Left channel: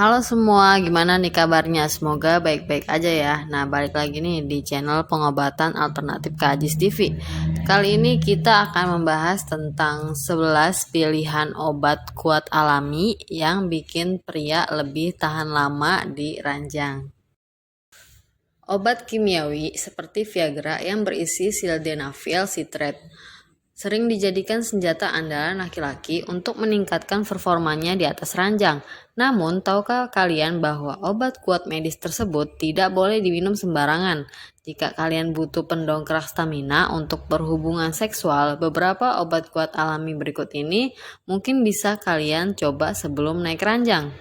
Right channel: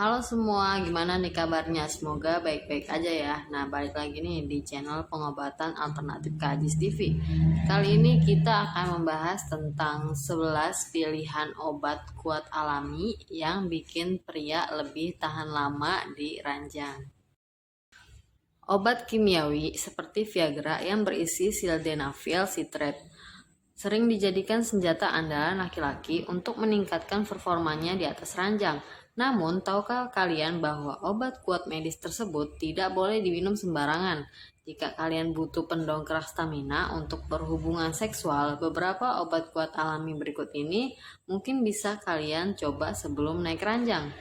Halo semua, gimana nih kabarnya? Semoga baik-baik aja ya. Nah, balik lagi nih di channel pengobatan alternatif Kajis TV. Kali ini kita akan membahas tentang 11 pilihan obat kuat alami yang bikin pria lebih tahan lama di ranjang. Obat kimiawi seperti Viagra yang berisi sildenafil citrate sering dijadikan senjata andalan laki-laki untuk meningkatkan performanya di atas ranjang. Namun, tahukah kalian bahwa obat kuat medis tersebut tidak boleh diminum sembarangan? Jika kalian butuh pendongkrak stamina untuk berhubungan seksual, beberapa obat kuat alami berikut ini mungkin bisa kalian coba sebelum naik ranjang.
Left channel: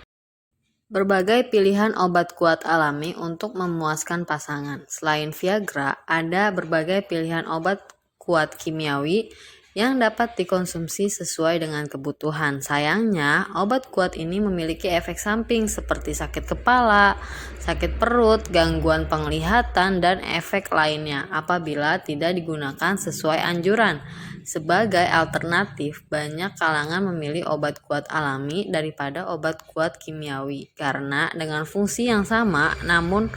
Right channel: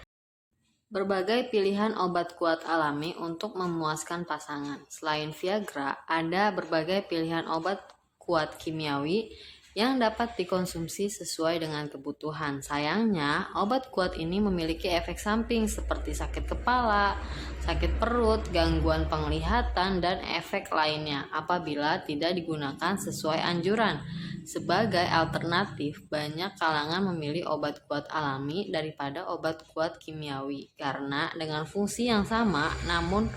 Berbagai pilihan obat kuat alami untuk memuaskan pasangan. Selain Viagra, ada berbagai pilihan obat kuat kimiawi yang dapat dikonsumsi sesuai dengan kebutuhan. Sayangnya, obat kuat ini memiliki efek samping seperti sakit kepala, sakit perut, gangguan penglihatan, dan efek lainnya apabila tidak digunakan sesuai anjuran. Sebagai alternatif, banyak kalangan memilih obat kuat alami daripada obat kuat kimiawi karena dengan fungsi yang sama, namun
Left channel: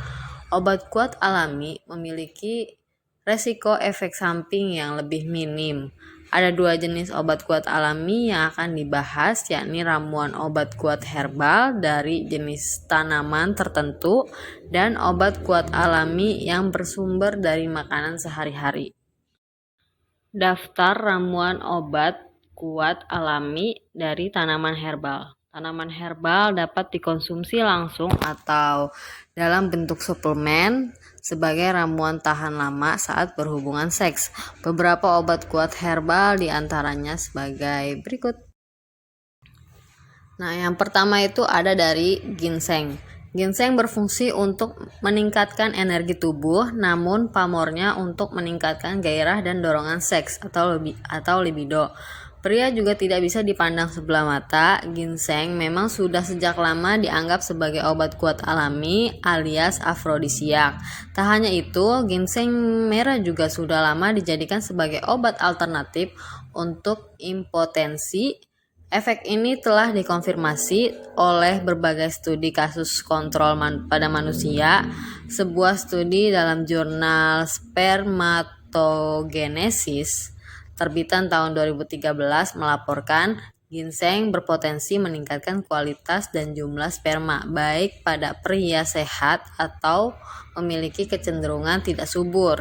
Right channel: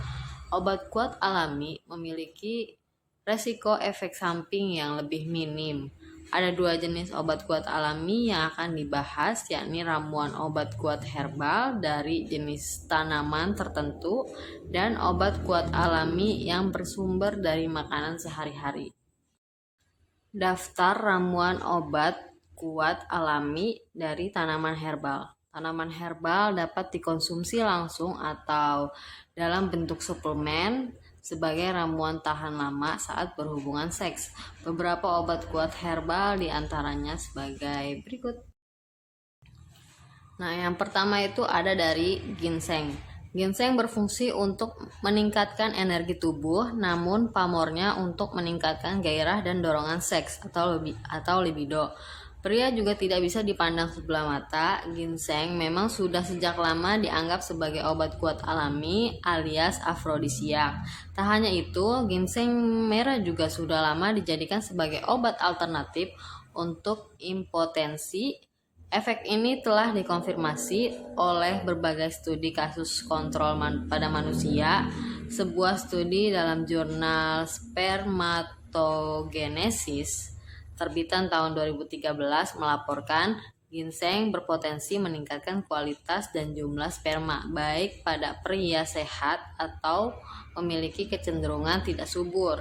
obat kuat alami memiliki resiko efek samping yang lebih minim. Ada dua jenis obat kuat alami yang akan dibahas, yakni ramuan obat kuat herbal dari jenis tanaman tertentu dan obat kuat alami yang bersumber dari makanan sehari-hari. Daftar ramuan obat kuat alami dari tanaman herbal. Tanaman herbal dapat dikonsumsi langsung atau dalam bentuk suplemen sebagai ramuan tahan lama saat berhubungan seks. Beberapa obat kuat herbal diantaranya sebagai berikut. Nah, yang pertama itu ada dari ginseng. Ginseng berfungsi untuk meningkatkan energi tubuh, namun pamornya untuk meningkatkan gairah dan dorongan seks atau libido. Pria juga tidak bisa dipandang sebelah mata. Ginseng memang sudah sejak lama dianggap sebagai obat kuat alami alias afrodisiak. Tak hanya itu, ginseng merah juga sudah lama dijadikan sebagai obat alternatif untuk impotensi. Efek ini telah dikonfirmasi oleh berbagai studi kasus kontrol pada manusia. Sebuah studi dalam jurnal Spermatogenesis terbitan tahun 2013 melaporkan ginseng berpotensi meningkatkan kualitas dan jumlah sperma baik pada pria sehat atau memiliki kecenderungan tidak subur.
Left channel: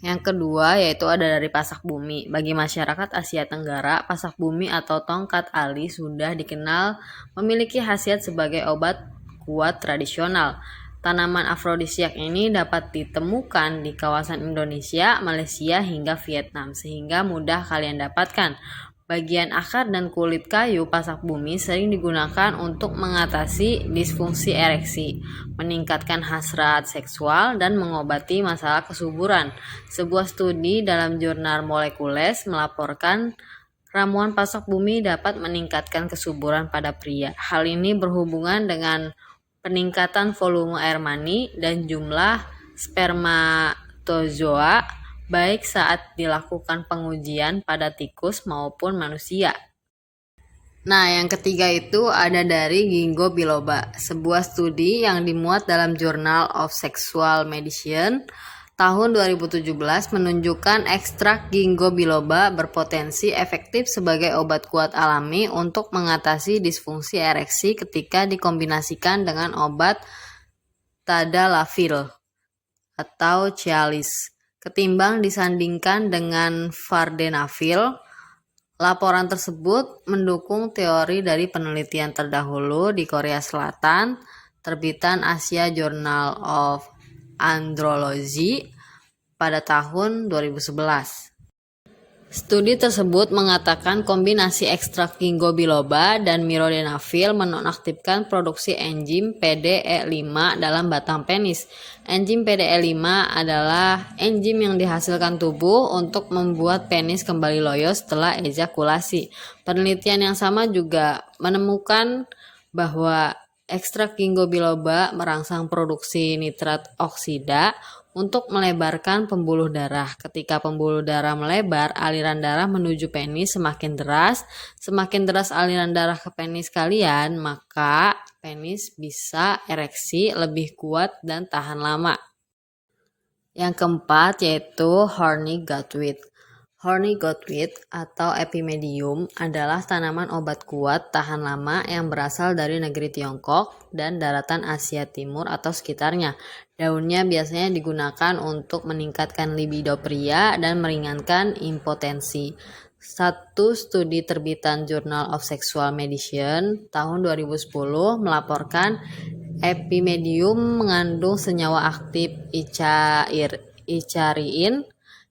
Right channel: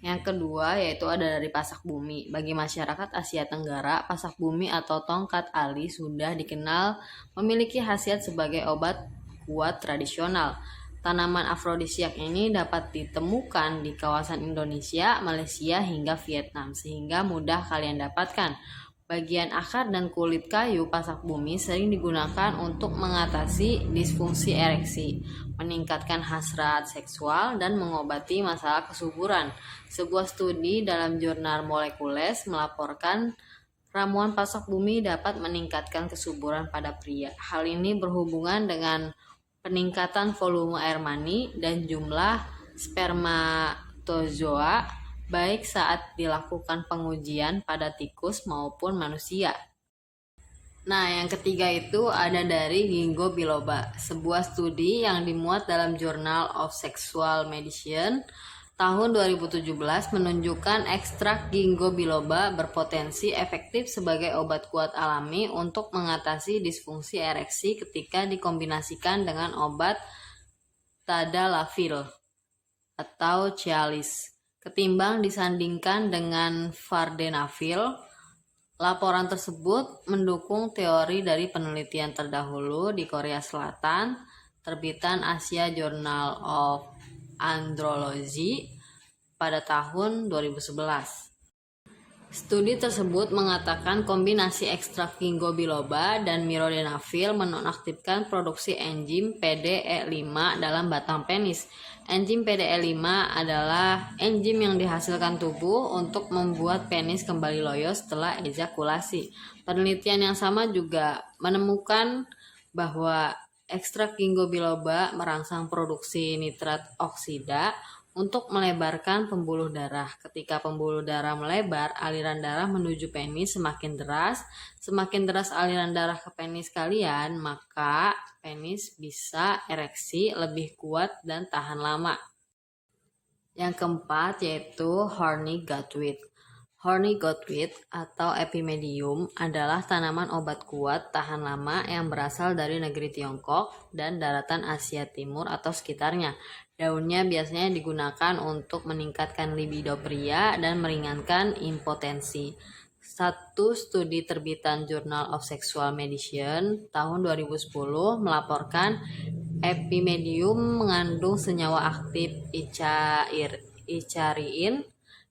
Yang kedua yaitu ada dari pasak bumi. Bagi masyarakat Asia Tenggara, pasak bumi atau tongkat ali sudah dikenal memiliki khasiat sebagai obat kuat tradisional. Tanaman afrodisiak ini dapat ditemukan di kawasan Indonesia, Malaysia hingga Vietnam sehingga mudah kalian dapatkan. Bagian akar dan kulit kayu pasak bumi sering digunakan untuk mengatasi disfungsi ereksi, meningkatkan hasrat seksual, dan mengobati masalah kesuburan. Sebuah studi dalam jurnal Molekules melaporkan ramuan pasak bumi dapat meningkatkan kesuburan pada pria. Hal ini berhubungan dengan peningkatan volume air mani dan jumlah spermatozoa baik saat dilakukan pengujian pada tikus maupun manusia. Nah, yang ketiga itu ada dari ginkgo biloba, sebuah studi yang dimuat dalam Journal of Sexual Medicine tahun 2017 menunjukkan ekstrak ginkgo biloba berpotensi efektif sebagai obat kuat alami untuk mengatasi disfungsi ereksi ketika dikombinasikan dengan obat tadalafil atau Cialis ketimbang disandingkan dengan vardenafil. Laporan tersebut mendukung teori dari penelitian terdahulu di Korea Selatan, terbitan Asia Journal of Andrology pada tahun 2011. Studi tersebut mengatakan kombinasi ekstrak ginkgo biloba dan mirodenafil menonaktifkan produksi enzim PDE5 dalam batang penis. Enzim PDE5 adalah enzim yang dihasilkan tubuh untuk membuat penis kembali loyo setelah ejakulasi. Penelitian yang sama juga menemukan bahwa ekstrak ginkgo biloba merangsang produksi nitrat oksida untuk melebarkan pembuluh darah. Ketika pembuluh darah melebar, aliran darah menuju penis semakin deras. Semakin deras aliran darah ke penis kalian, maka penis bisa ereksi lebih kuat dan tahan lama. Yang keempat yaitu horny goutwit. Horny goutwit atau epimedium adalah tanaman obat kuat tahan lama yang berasal dari negeri Tiongkok dan daratan Asia Timur atau sekitarnya. Daunnya biasanya digunakan untuk meningkatkan libido pria dan meringankan impotensi. Satu studi terbitan Journal of Sexual Medicine tahun 2010 melaporkan epimedium mengandung senyawa aktif icariin.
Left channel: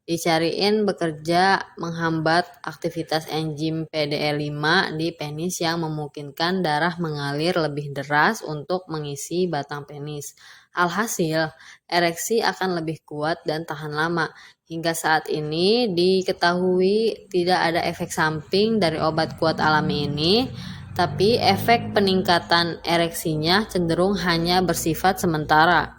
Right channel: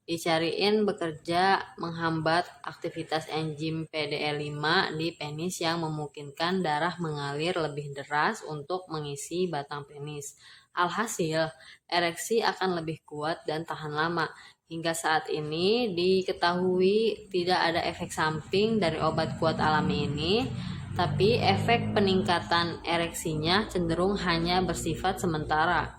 Icariin bekerja menghambat aktivitas enzim PDE5 di penis yang memungkinkan darah mengalir lebih deras untuk mengisi batang penis. Alhasil, ereksi akan lebih kuat dan tahan lama. Hingga saat ini diketahui tidak ada efek samping dari obat kuat alami ini, tapi efek peningkatan ereksinya cenderung hanya bersifat sementara.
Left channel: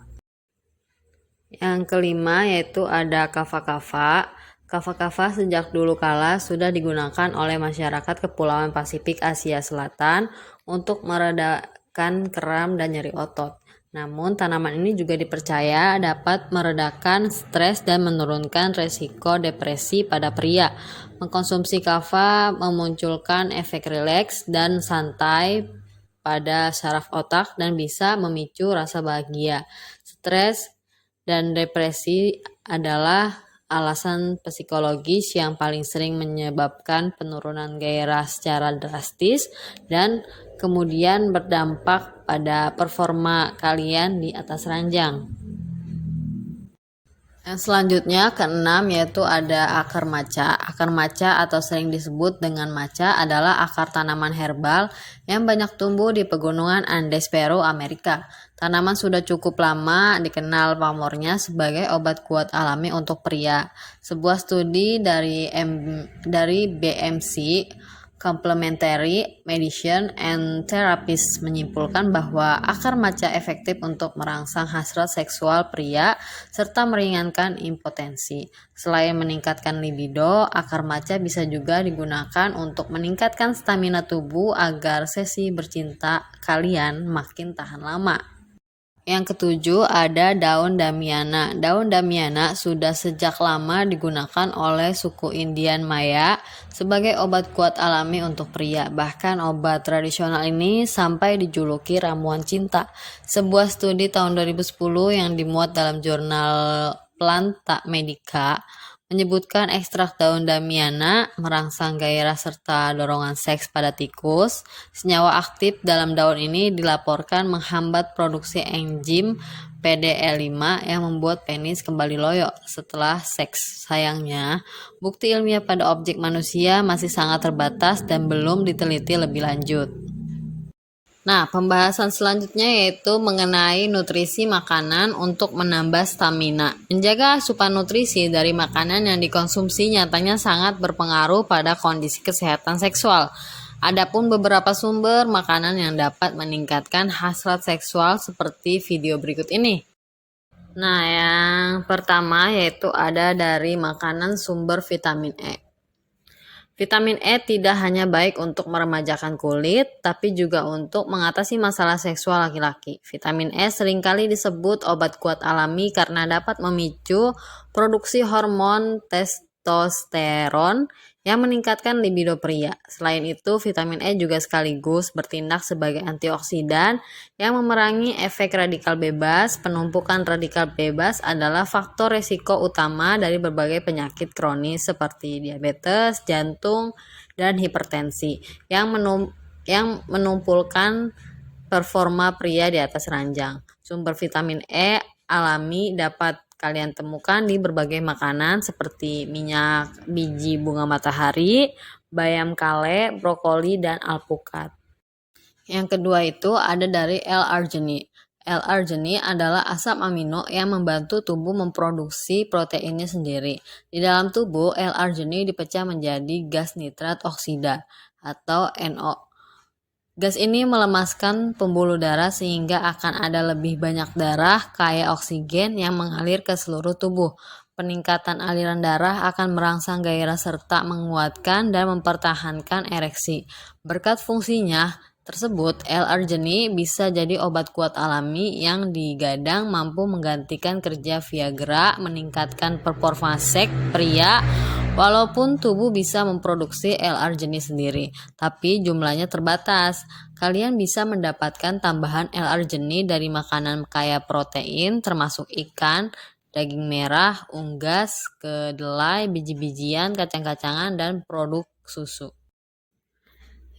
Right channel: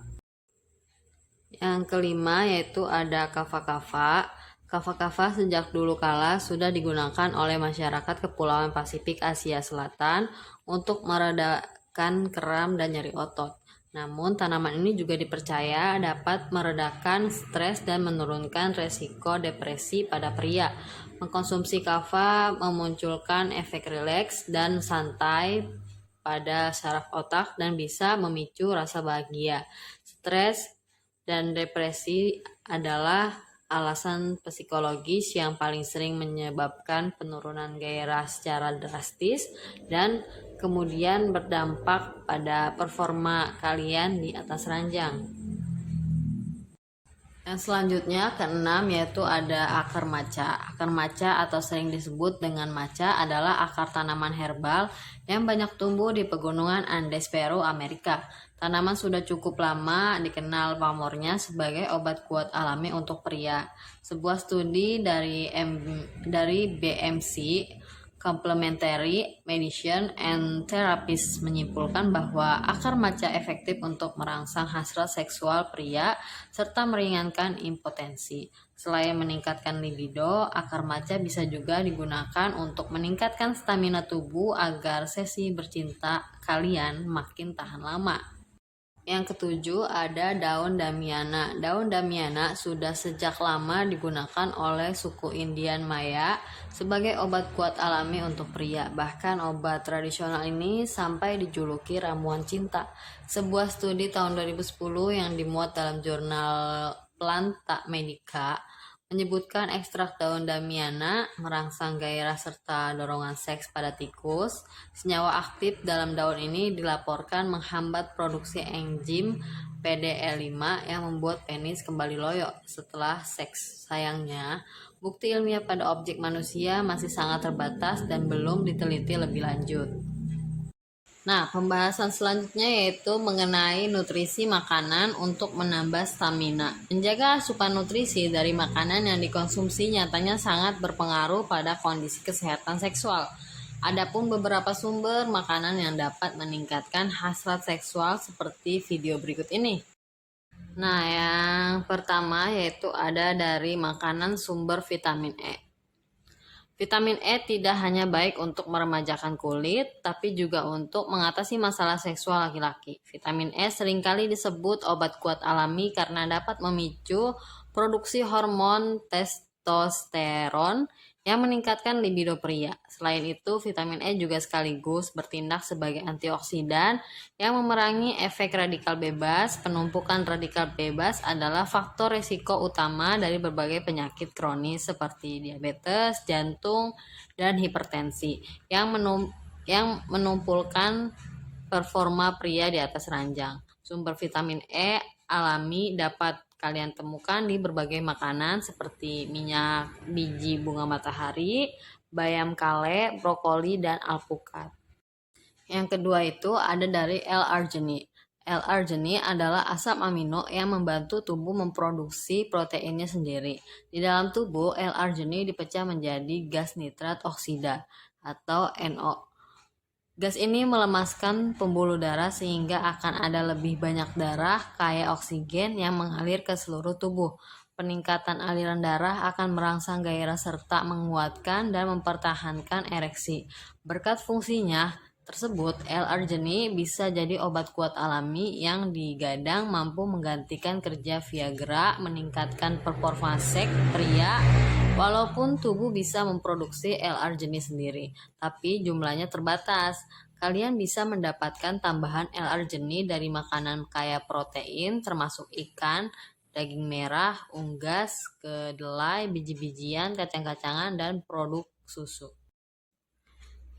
Yang kelima yaitu ada kava-kava. Kava-kava sejak dulu kala sudah digunakan oleh masyarakat Kepulauan Pasifik Asia Selatan untuk meredakan kram dan nyeri otot. Namun tanaman ini juga dipercaya dapat meredakan stres dan menurunkan resiko depresi pada pria. Mengkonsumsi kava memunculkan efek rileks dan santai pada saraf otak dan bisa memicu rasa bahagia. Stres dan depresi adalah alasan psikologis yang paling sering menyebabkan penurunan gairah secara drastis dan kemudian berdampak pada performa kalian di atas ranjang. Yang selanjutnya keenam yaitu ada akar maca. Akar maca atau sering disebut dengan maca adalah akar tanaman herbal yang banyak tumbuh di pegunungan Andes Peru, Amerika. Tanaman sudah cukup lama dikenal pamornya sebagai obat kuat alami untuk pria. Sebuah studi dari BMC Complementary Medicine and Therapies menyimpulkan bahwa akar maca efektif untuk merangsang hasrat seksual pria serta meringankan impotensi. Selain meningkatkan libido, akar maca bisa juga digunakan untuk meningkatkan stamina tubuh agar sesi bercinta kalian makin tahan lama. Yang ketujuh ada daun damiana. Daun damiana sudah sejak lama digunakan oleh suku Indian Maya sebagai obat kuat alami untuk pria. Bahkan obat tradisional ini sampai dijuluki ramuan cinta. Sebuah studi tahun 2010 yang dimuat dalam jurnal Planta Medica menyebutkan ekstrak daun damiana merangsang gairah serta dorongan seks pada tikus. Senyawa aktif dalam daun ini dilaporkan menghambat produksi enzim PDE5 yang membuat penis kembali loyo setelah seks. Sayangnya, bukti ilmiah pada objek manusia masih sangat terbatas dan belum diteliti lebih lanjut. Nah, pembahasan selanjutnya yaitu mengenai nutrisi makanan untuk menambah stamina. Menjaga asupan nutrisi dari makanan yang dikonsumsi nyatanya sangat berpengaruh pada kondisi kesehatan seksual. Adapun beberapa sumber makanan yang dapat meningkatkan hasrat seksual seperti video berikut ini. Nah, yang pertama yaitu ada dari makanan sumber vitamin E. Vitamin E tidak hanya baik untuk meremajakan kulit, tapi juga untuk mengatasi masalah seksual laki-laki. Vitamin E seringkali disebut obat kuat alami karena dapat memicu produksi hormon testosteron yang meningkatkan libido pria. Selain itu, vitamin E juga sekaligus bertindak sebagai antioksidan yang memerangi efek radikal bebas. Penumpukan radikal bebas adalah faktor risiko utama dari berbagai penyakit kronis seperti diabetes, jantung, dan hipertensi yang menumpulkan performa pria di atas ranjang. Sumber vitamin E alami dapat kalian temukan di berbagai makanan seperti minyak biji bunga matahari, bayam kale, brokoli, dan alpukat. Yang kedua itu ada dari L-arginine. L-arginine adalah asam amino yang membantu tubuh memproduksi proteinnya sendiri. Di dalam tubuh, L-arginine dipecah menjadi gas nitrat oksida atau NO. Gas ini melemaskan pembuluh darah sehingga akan ada lebih banyak darah kaya oksigen yang mengalir ke seluruh tubuh. Peningkatan aliran darah akan merangsang gairah serta menguatkan dan mempertahankan ereksi. Berkat fungsinya, tersebut, L-arginine bisa jadi obat kuat alami yang digadang mampu menggantikan kerja Viagra, meningkatkan performa seks pria. Walaupun tubuh bisa memproduksi L-arginine sendiri, tapi jumlahnya terbatas. Kalian bisa mendapatkan tambahan L-arginine dari makanan kaya protein, termasuk ikan, daging merah, unggas, kedelai, biji-bijian, kacang-kacangan, dan produk susu.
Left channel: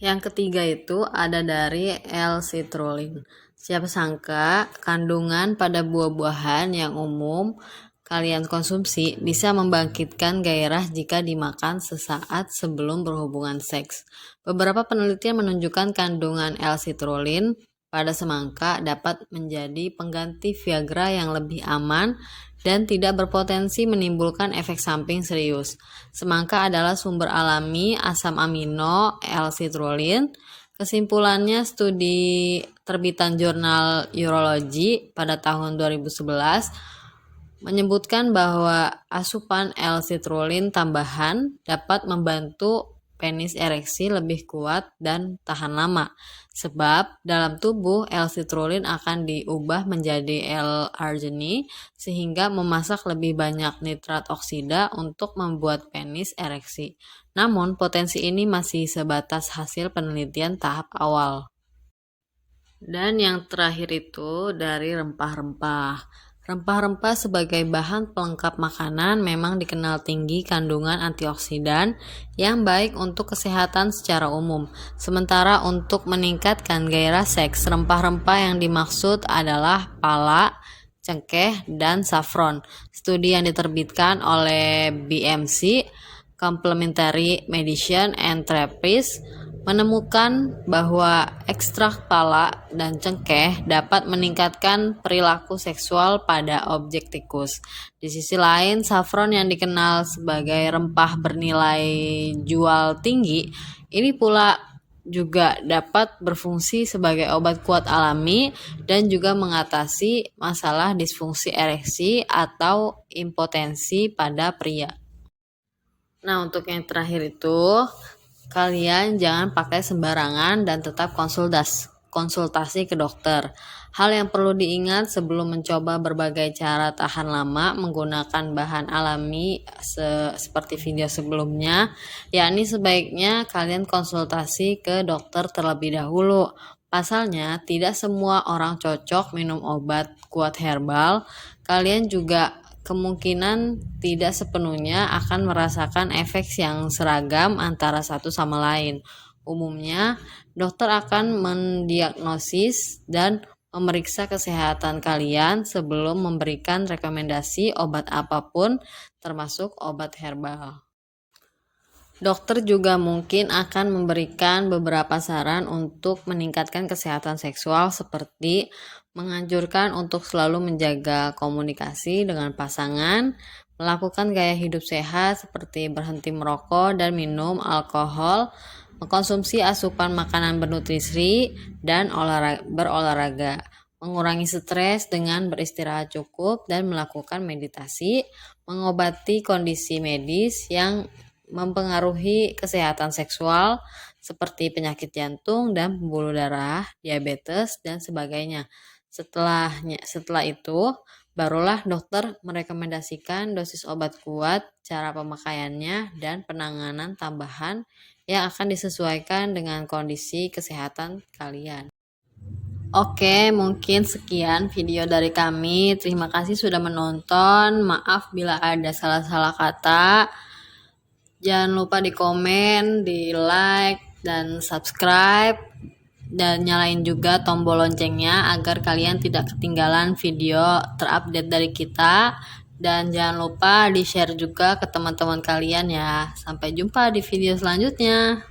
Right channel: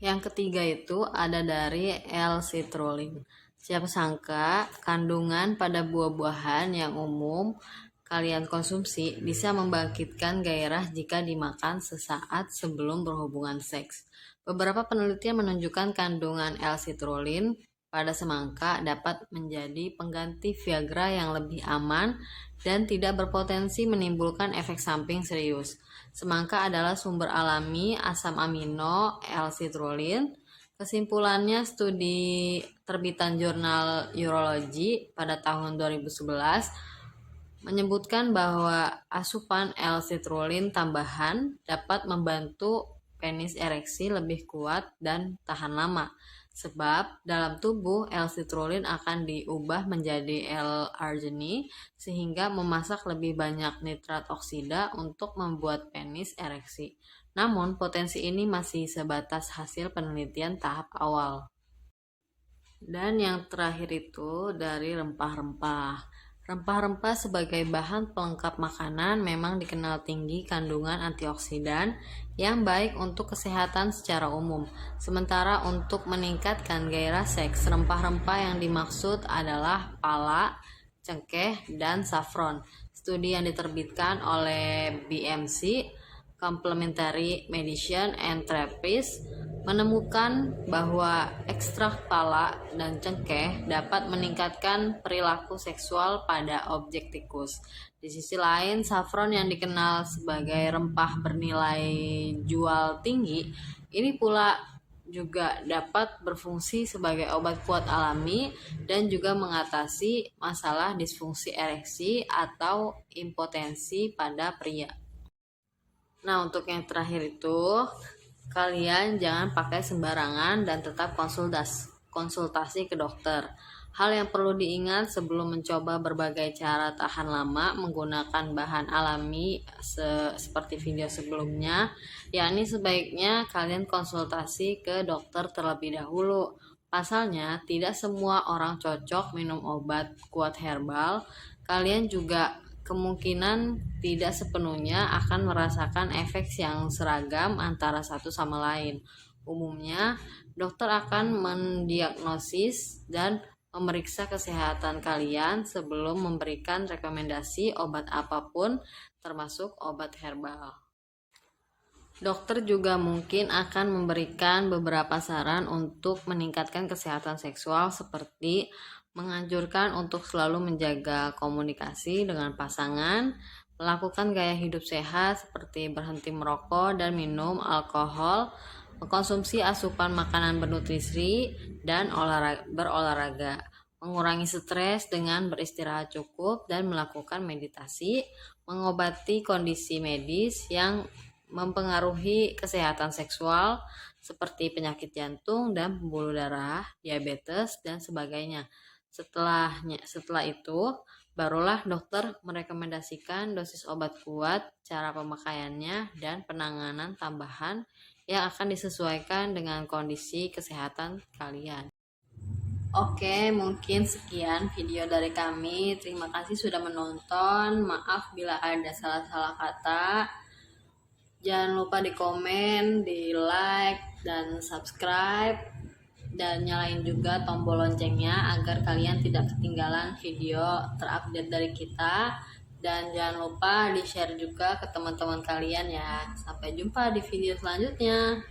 Yang ketiga itu ada dari L-citrulline. Siapa sangka kandungan pada buah-buahan yang umum kalian konsumsi bisa membangkitkan gairah jika dimakan sesaat sebelum berhubungan seks. Beberapa penelitian menunjukkan kandungan L-citrulline pada semangka dapat menjadi pengganti Viagra yang lebih aman dan tidak berpotensi menimbulkan efek samping serius. Semangka adalah sumber alami asam amino L-citrulline. Kesimpulannya, studi terbitan jurnal Urology pada tahun 2011 menyebutkan bahwa asupan L-citrulline tambahan dapat membantu penis ereksi lebih kuat dan tahan lama. Sebab dalam tubuh L-citrulline akan diubah menjadi L-arginine sehingga memasak lebih banyak nitrat oksida untuk membuat penis ereksi. Namun potensi ini masih sebatas hasil penelitian tahap awal. Dan yang terakhir itu dari rempah-rempah. Rempah-rempah sebagai bahan pelengkap makanan memang dikenal tinggi kandungan antioksidan yang baik untuk kesehatan secara umum. Sementara untuk meningkatkan gairah seks, rempah-rempah yang dimaksud adalah pala, cengkeh, dan saffron. Studi yang diterbitkan oleh BMC, Complementary Medicine and Therapies, menemukan bahwa ekstrak pala dan cengkeh dapat meningkatkan perilaku seksual pada objek tikus. Di sisi lain, saffron yang dikenal sebagai rempah bernilai jual tinggi, ini pula juga dapat berfungsi sebagai obat kuat alami dan juga mengatasi masalah disfungsi ereksi atau impotensi pada pria. Nah, untuk yang terakhir itu, kalian jangan pakai sembarangan dan tetap konsultasi ke dokter. Hal yang perlu diingat sebelum mencoba berbagai cara tahan lama menggunakan bahan alami seperti video sebelumnya, yakni sebaiknya kalian konsultasi ke dokter terlebih dahulu. Pasalnya, tidak semua orang cocok minum obat kuat herbal. Kalian juga kemungkinan tidak sepenuhnya akan merasakan efek yang seragam antara satu sama lain. Umumnya, dokter akan mendiagnosis dan memeriksa kesehatan kalian sebelum memberikan rekomendasi obat apapun, termasuk obat herbal. Dokter juga mungkin akan memberikan beberapa saran untuk meningkatkan kesehatan seksual seperti menganjurkan untuk selalu menjaga komunikasi dengan pasangan, melakukan gaya hidup sehat seperti berhenti merokok dan minum alkohol, mengkonsumsi asupan makanan bernutrisi, dan berolahraga, mengurangi stres dengan beristirahat cukup dan melakukan meditasi, mengobati kondisi medis yang mempengaruhi kesehatan seksual seperti penyakit jantung dan pembuluh darah, diabetes, dan sebagainya. Setelah itu, barulah dokter merekomendasikan dosis obat kuat, cara pemakaiannya, dan penanganan tambahan yang akan disesuaikan dengan kondisi kesehatan kalian. Oke, mungkin sekian video dari kami. Terima kasih sudah menonton. Maaf bila ada salah-salah kata. Jangan lupa di komen, di like, dan subscribe. Dan nyalain juga tombol loncengnya agar kalian tidak ketinggalan video terupdate dari kita. Dan jangan lupa di share juga ke teman-teman kalian ya. Sampai jumpa di video selanjutnya.